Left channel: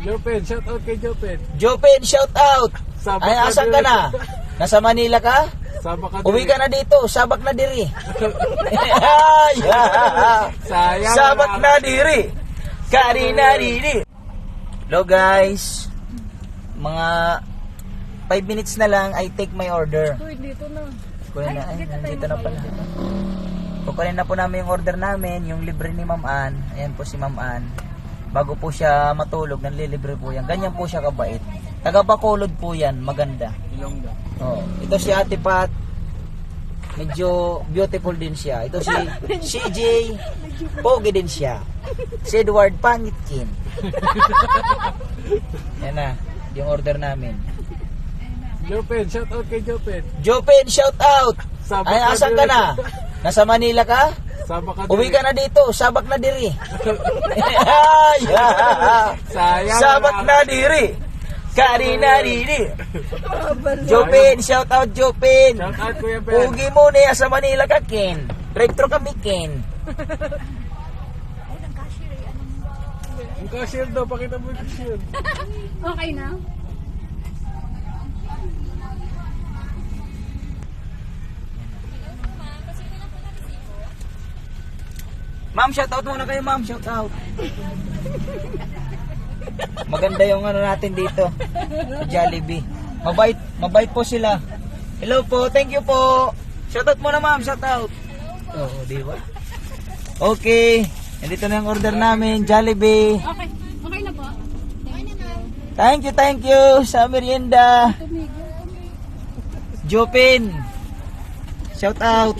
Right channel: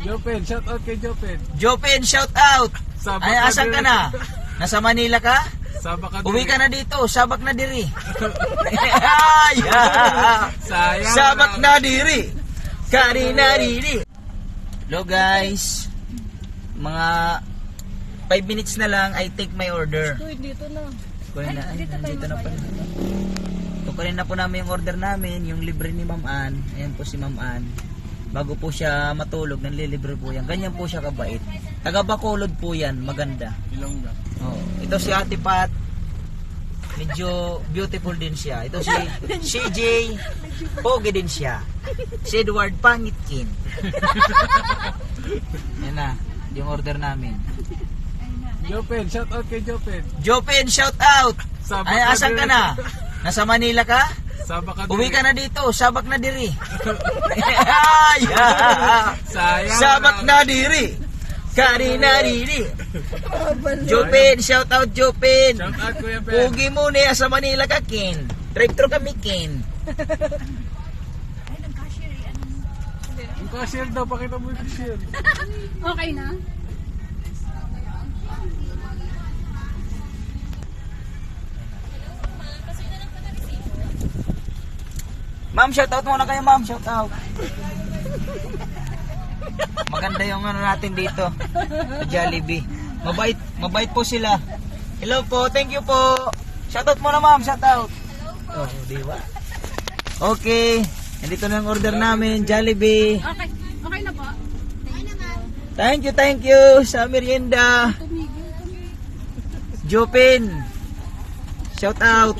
Jopen, shout out kay Jopen. Jopen, shout out. Sabak Ay, na asan ka diri. na? Nasa Manila ka? Sabak ka Uwi diri. ka na dito, sabak na diri. Sayang. Sabak na diri. Kari na diri. Hello guys. Mga 5 minutes na lang, I take my order. Uy, dito na. Kunin na, ay, nandito na pala. Kukunin na po namin yung order namin, yung libre ni Ma'am Ann. Ayan po si Ma'am Ann. Bago po siya matulog, nanlilibre po yan. Ganyan po siya kabait. Taga Bacolod po yan, maganda. Ilongga. Oh, ito si Ate Pat. Medyo beautiful din siya. Ito si CJ. Pogi din siya. Si Edward Pangitkin. Yan na, yung order namin. Jopen, shout out kay Jopen. Jopen, shout out. Sabak Ay, na asan ka diri. na? Nasa Manila ka? Sabak ka Uwi diri. ka na dito, sabak na diri. Sayang. Sabak na diri. Kari na diri. Jopen, shout out Jopen. Shout out Kuya Ben. Ugi mo niya sa Manila ka, Ken. Drive-thru kami, Ken. Ang cashier daw, pakita mo yung cashier. Okay na? Ma'am, shout out muna kayo, ma'am. Shout out. Maganda yung ano natin dito. Sa Jollibee. Mabait po sila. Hello po, thank you po. Shout out muna, ma'am. Shout out. Oh, di ba? Okay. Nandito na yung order namin, Jollibee. Okay. Okay na po. Thank you sa merienda. Tumigil. Jopin. Shout out.